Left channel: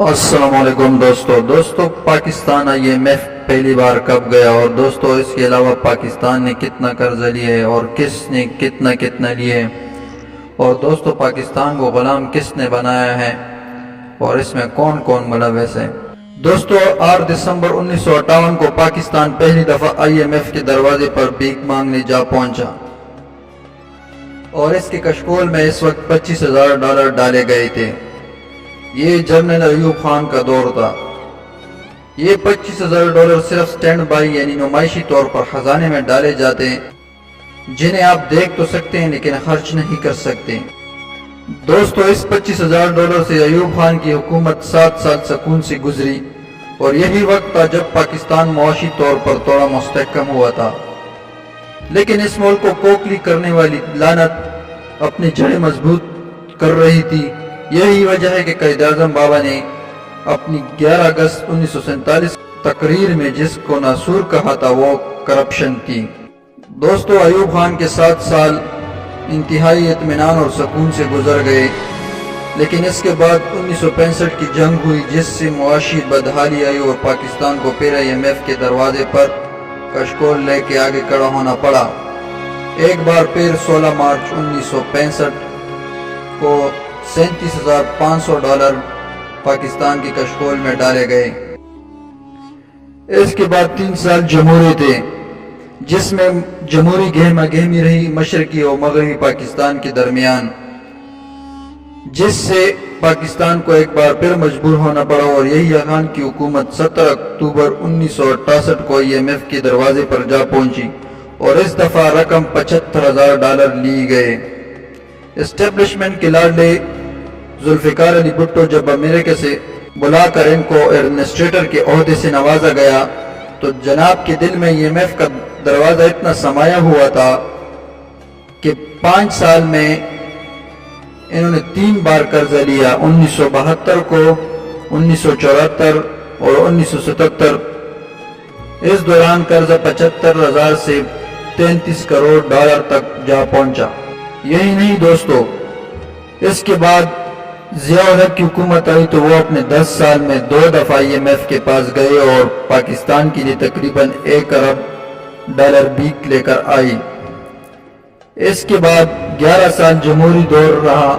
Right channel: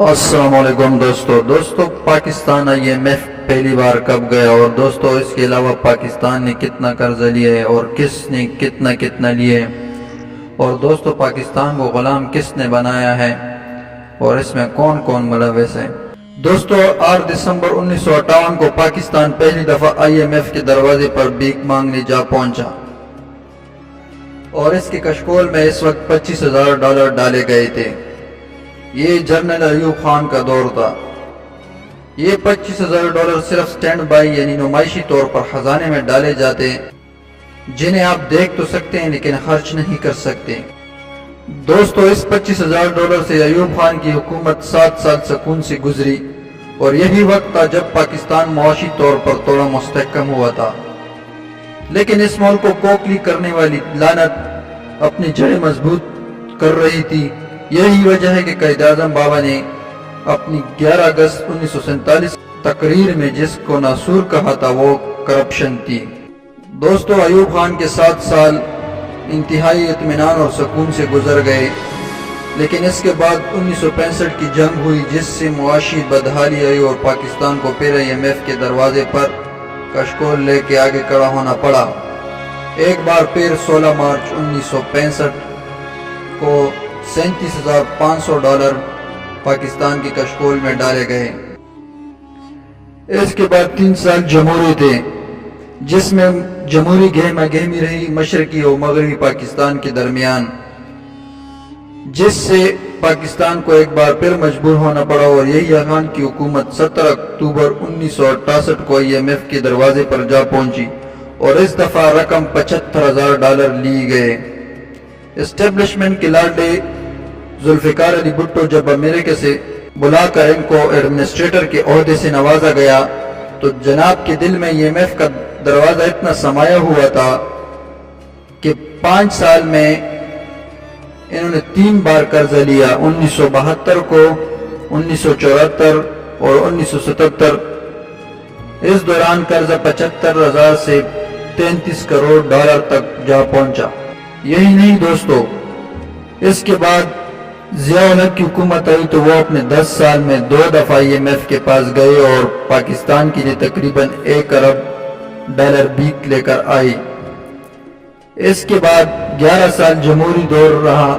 السلام علیکم دوستو پاکستان IMF پہلی بار کب گیا، اور دوستو اس کے علاوہ پاکستان نے کتنا قرضہ لیا ہے اور کس نے کتنا لیا ہے، اور دوستو پاکستان کو غلام کس نے بنایا ہے اور اس میں کون کون ملوث ہے۔ دوستو 8 دسمبر 1958 کو پاکستان پہلی دفعہ IMF کے دروازے پر بھیک مانگنے جا پہنچا، اور اس کے کشکول میں اس وقت $25,000 ڈالے گئے تھے۔ یہ جنرل ایوب خان کا دور تھا۔ یہ $25,000 صرف سٹینڈ بائی یعنی نمائشی طور پر خزانے میں ڈالے جاتے، جنہیں آپ دیکھ تو سکتے ہیں لیکن خرچ نہیں کر سکتے۔ دوستو اس $25,000 سے ایوب خان کی حکومت 7 سال سکون سے گزری، اور یہی وقت تھا جب پاکستان معاشی طور پر تھوڑا مستحکم ہوا تھا، لیکن اس ملک کو کوکلی کرنے والی لعنت اپنی جڑیں مضبوط کر رہی تھی۔ یہی وجہ ہے کہ قائد اعظم بابا نے اپنی 11 اگست 1947 تقریر میں جس کو ناسور کہا تھا وہ کرپشن تھی۔ دوستو ایوب خان کے 7 سال انتہائی اطمینان اور سکون سے گزر گئے، لیکن اس کے بعد 1965 کی جنگ ہوئی، جس سے معاشی بدحالی آئی اور پاکستان کو پھر IMF کے دروازے پر کشکول لے کے آگے کھڑا ہونا پڑا۔ ایک بار پھر 16 مارچ 1965 کو $37,500 پاکستان کی کشکول میں ڈالے گئے۔ اس کے بعد 3 سال جمہوری تھے، جس میں جمہوری گہما گہمی رہی مشرقی اور مغربی پاکستان کے درمیان، جس سے پاکستان کو ایک بار پھر مجبور ہونا پڑا، اور یحییٰ خان کی حکومت 17 اکتوبر 1968 کو IMF کے دروازے پر جا پہنچی، اور اس دفعہ رقم $75,000 لی گئے۔ اسٹیبلشمنٹ کے لاڈلے ذوالفقار علی بھٹو جب امریکہ سے بلا کر ان کو ایڈمنسٹریٹر کے عہدے سے نوازا گیا، تو جناب کے دل میں IMF کا دروازہ اتنا سمایا ہوا تھا کہ 5 سال میں انہوں نے 3 بار قرضہ لیا، 1972 کو، 1974 اور 1977۔ اس دوران قرضہ $75,000 سے $33 کروڑ تک جا پہنچا۔ یہی نہیں دوستو، اس کے بعد ضیاء الحق کی حکومت آئی تو وہ اپنے 10 سال میں 2 دفعہ IMF کے پاس گئے اور پاکستان کے لیے تقریباً $1 ارب بھیک لے کر آئی۔ اس کے بعد 11 سال جمہوری دور رہا،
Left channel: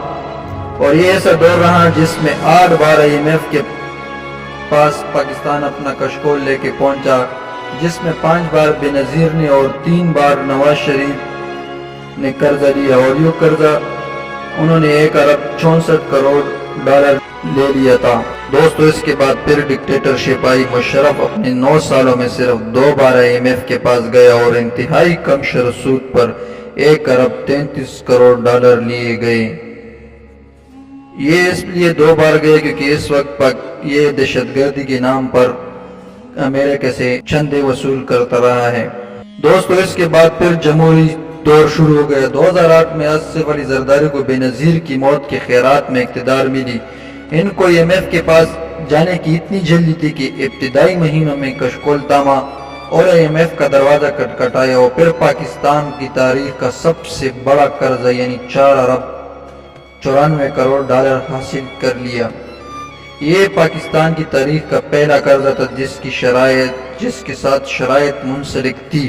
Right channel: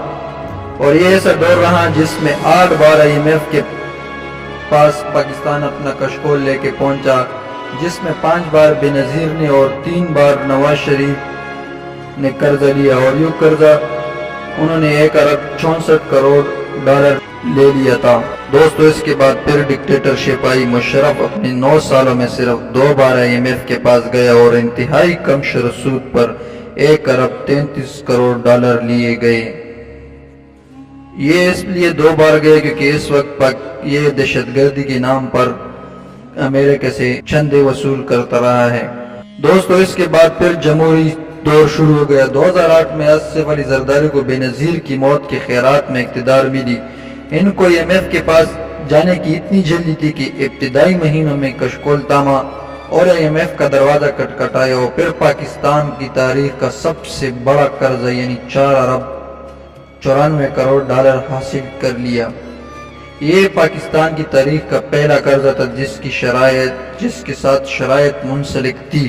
اور یہ ایسا دور رہا جس میں 8 بار IMF کے پاس پاکستان اپنا کشکول لے کے پہنچا، جس میں 5 بار بے نظیر نے اور 3 بار نواز شریف نے قرضہ لیا، اور یہ قرضہ انہوں نے $1 ارب 64 کروڑ لے لیا تھا۔ دوستو اس کے بعد پھر ڈکٹیٹرشپ آئی۔ مشرف اپنے 9 سالوں میں صرف 2 بار IMF کے پاس گیا، اور انتہائی کم شرح سود پر $1 ارب 33 کروڑ لیے گئے۔ یہ اس لیے 2 بار گئے کیونکہ اس وقت یہ دہشت گردی کے نام پر امریکہ سے چندے وصول کرتا رہا ہے۔ دوستو اس کے بعد پھر جمہوری دور شروع ہو گیا۔ 2008 میں آصف علی زرداری کو بے نظیر کی موت کے خیرات میں اقتدار ملی۔ ان کو IMF کے پاس جانے کی اتنی جلدی تھی کہ ابتدائی مہینوں میں کشکول تاما اور IMF کا دروازہ کٹکھٹایا، اور پھر پاکستان کی تاریخ کا سب سے بڑا قرضہ یعنی $4 ارب 94 کروڑ حاصل کر لیا۔ یہ پاکستان کی تاریخ کا پہلا قرضہ تھا جس کے ساتھ شرائط منسلک تھی۔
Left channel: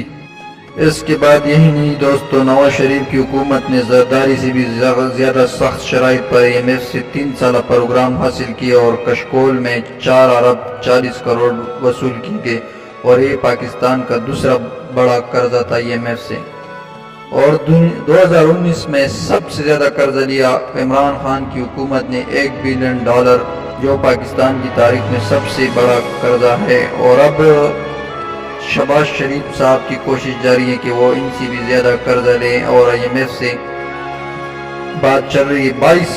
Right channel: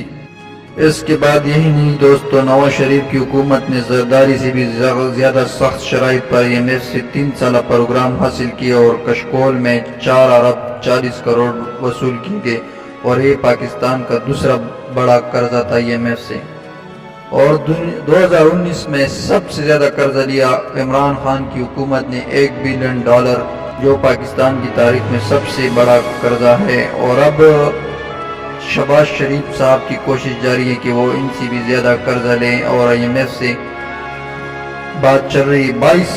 اس کے بعد یہی نہیں دوستو، نواز شریف کی حکومت نے زرداری سے بھی زیادہ سخت شرائط پر IMF سے 3 سالہ پروگرام حاصل کیا، اور کشکول میں $4 ارب 40 کروڑ وصول کی گئے، اور یہ پاکستان کا دوسرا بڑا قرضہ تھا IMF سے۔ اور 2019 میں سب سے زیادہ قرضہ لیا عمران خان کی حکومت نے $1 بلین، جو پاکستان کی تاریخ میں سب سے بڑا قرضہ ہے۔ اور اب شہباز شریف صاحب کی کوشش جاری ہے کہ وہ ان سے بھی زیادہ قرضہ لیں، اور IMF سے بات چل رہی ہے۔ 22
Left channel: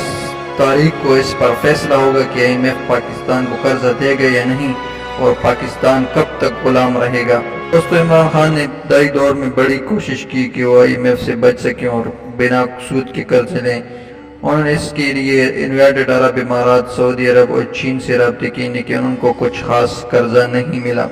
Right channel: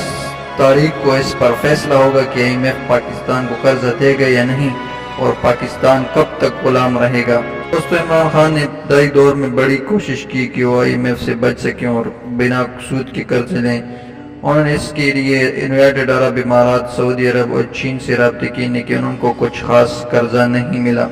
تاریخ کو اس پر فیصلہ ہوگا کہ IMF پاکستان کو قرضہ دے گا یا نہیں، اور پاکستان کب تک غلام رہے گا۔ دوستو عمران خان نے ابتدائی دور میں بڑی کوشش کی کہ وہ IMF سے بچ سکیں اور بنا سود کے قرض لیں۔ انہوں نے اس کے لیے یونائیٹڈ عرب امارات، سعودی عرب اور چین سے رابطے کیے، لیکن ان کو کچھ خاص قرضہ نہیں ملا۔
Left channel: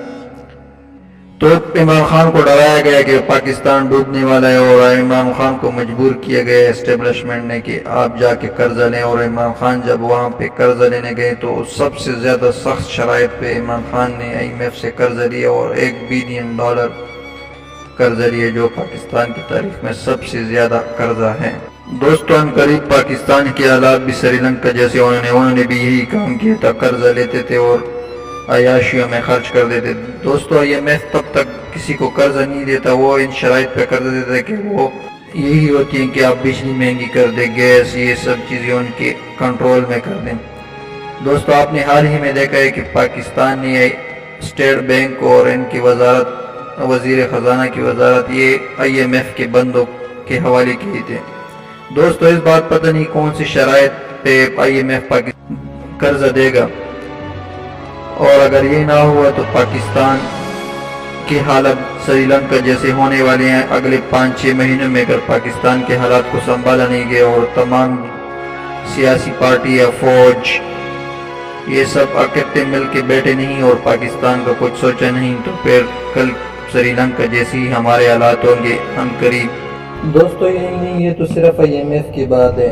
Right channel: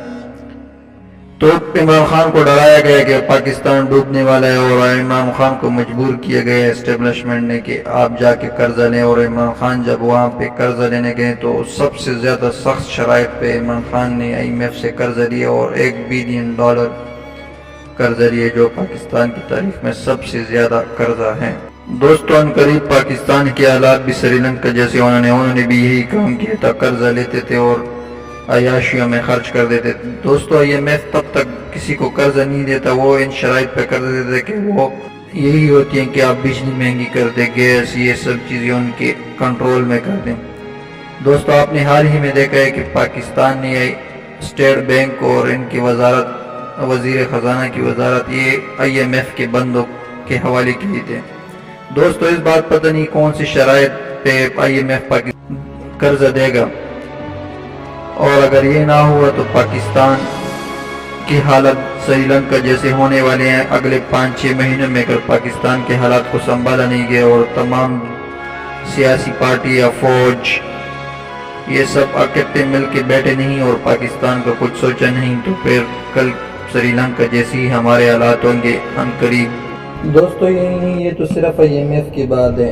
تو عمران خان کو ڈرایا گیا کہ پاکستان ڈوبنے والا ہے، اور عمران خان کو مجبور کیا گیا اسٹیبلشمنٹ نے کہ آپ جا کے قرضہ لیں۔ اور عمران خان جب وہاں پہ قرضہ لینے گئے تو سب سے زیادہ سخت شرائط پہ عمران خان نے IMF سے قرضہ لیا، اور $1 بلین قرضہ لیا، جو پاکستان کی تاریخ میں سب سے زیادہ قرضہ ہے۔ دوستو، ان قریب پاکستان کے حالات بھی سری لنکا جیسے انہوں نے بھی یہی کام کیا تھا، قرضہ لیتے تھے اور عیاشیوں میں خرچ کر دیتے تھے۔ دوستو، IMF تب تک کسی کو قرضہ نہیں دیتا، وہ ان شرائط پہ قرضہ دیتا ہے کہ وہ یہی ہوتی ہیں کہ آپ بجلی مہنگی کر دیں، گیس، یہ سب چیزیں ان کے کنٹرول میں کر دیں۔ دوستو، آپ نے حال ہی میں دیکھا ہے کہ پاکستان نے اسٹیٹ بینک اور ان کی وزارت، وزیر خزانہ کی وزارت، یہ IMF کے بندوں کے حوالے کیے تھے۔ دوستو، اس بات پتہ نہیں کون سی شرائط پہ IMF پاکستان قرضہ دے گا، اور اگر یہ نہ ہوا تو پاکستان کی حالت سری لنکا جیسے ہونے والے ہیں۔ اگلے 5-6 مہینوں میں اگر پاکستان کے حالات کو سنبھالا نہیں گیا اور تمام سیاسی پارٹی یا فوج یہ سب اکٹھے مل کے بیٹھے نہیں اور پاکستان کا کچھ سوچا نہیں، تو پھر کل سری لنکا جیسی ہمارے حالات ہوں گے عنقریب۔ دوستو، یہی نہیں، یہ تو صرف IMF کی بات ہے۔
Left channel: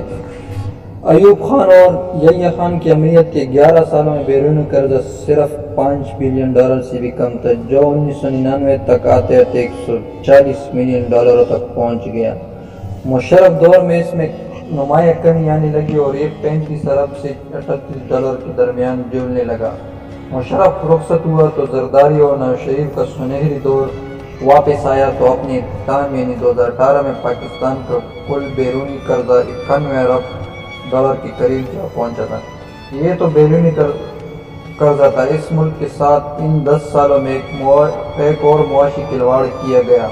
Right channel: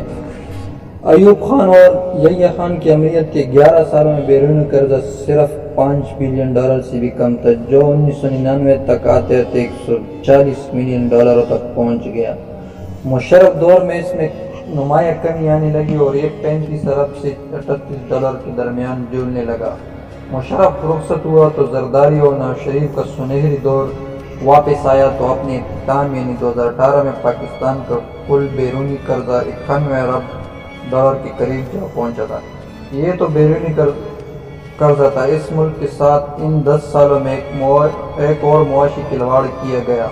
ایوب خان اور یحییٰ خان کی امریت کے 11 سالوں میں بیرونی قرضہ صرف $5 بلین سے بھی کم تھا، جو 1999 تک آتے آتے $140 ملین تک پہنچ گیا۔ مشرف دور میں اس میں نمایاں کمی آنے لگی اور یہ $35 ارب سے $38 کے درمیان جولنے لگا۔ مشرف رخصت ہوا تو زرداری اور نواز شریف کا سنہری دور واپس آیا، تو اپنے اختتام یعنی 2018 میں پاکستان کا کل بیرونی قرضہ $91 ارب کے قریب جا پہنچا تھا۔ یہ تو بیرونی قرضہ تھا۔ اس ملک کے ساتھ ان 10 سالوں میں ایک اور معاشی کھلواڑ کیا گیا۔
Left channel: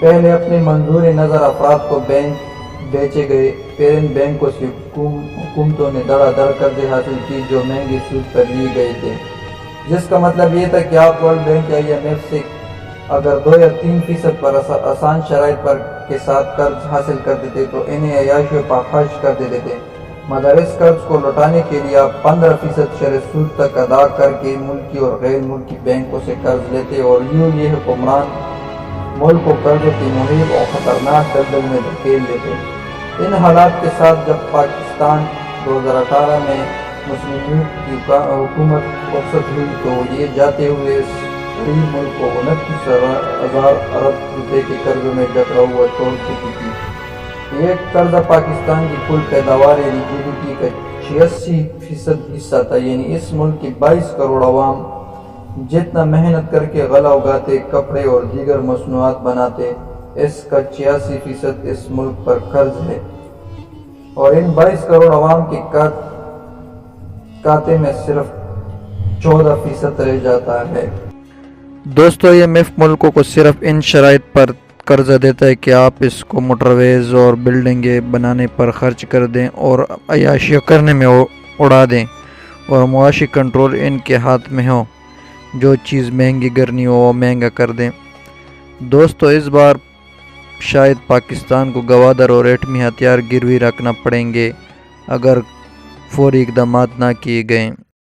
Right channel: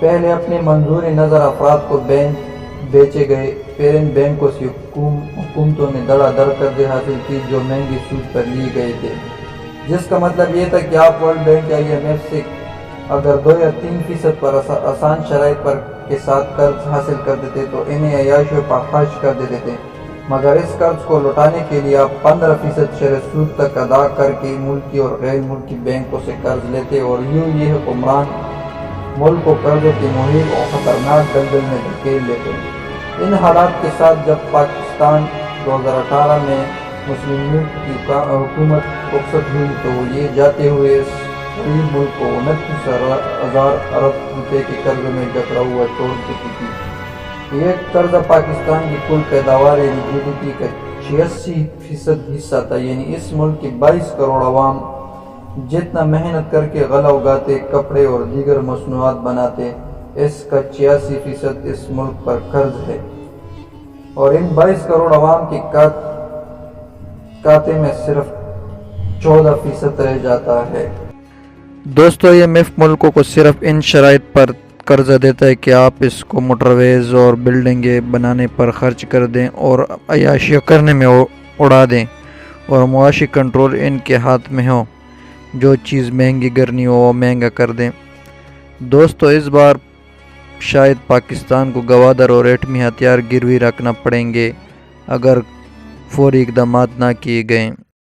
پہلے اپنے منظور نظر افراد کو بینک بیچے گئے، پھر ان بینکوں سے حکومتوں نے دڑا دڑ قرضے حاصل کی جو مہنگے سود پر لیے گئے تھے، جس کا مطلب یہ تھا کہ آپ ورلڈ بینک یا IMF سے اگر 2 یا 3% پر آسان شرائط پر کے ساتھ قرض حاصل کرتے تھے تو انہیں عیاشیوں پر خرچ کر دیتے تھے، مگر اس قرض کو لوٹانے کے لیے آپ 15% شرح سود تک ادا کر کے ملکی اور غیر ملکی بینکوں سے قرض لیتے، اور یوں یہ حکمران ملک کو قرضوں کی محیط اور خطرناک دلدل میں دھکیل لیتے۔ ان حالات کے ساتھ جب پاکستان 2018 میں مسلم لیگ کی حکومت رخصت ہوئی تو یہ جاتے ہوئے اس غریب ملک کو 29,000 ارب روپے کے قرضوں میں جکڑا ہوا چھوڑ چکی تھی۔ یہ قرضہ پاکستان کی کل پیداوار یعنی GDP کا 86% حصہ تھا، یعنی اس ملک کے 22 کروڑ عوام جتنا محنت کر کے غلہ اگاتے، کپڑے اور دیگر مصنوعات بناتے، اس کا 86% اس ملک پر قرض ہے، اور ان 22 کروڑ عوام کے کھاتے میں صرف 14% رہ جاتا ہے۔ دوستو، IMF ملکوں کو صرف ان شرائط پر قرضہ دیتا ہے کہ آپ اس کو موٹرویز اور بلڈنگیں بنانے پر خرچ کر دیں اور عیاشیاں کرنے میں اڑا دیں، اور معاشی کنٹرول ان کے ہاتھ میں ہو، جو چیز مہنگی کرنی ہو وہ مہنگا کر دیں۔ دوستو، اس بار شاید پاکستان کو گوادر اور ایٹمی ہتھیار گروی رکھنا پڑیں گے اگر فوری اقدامات نہ کیے گئے۔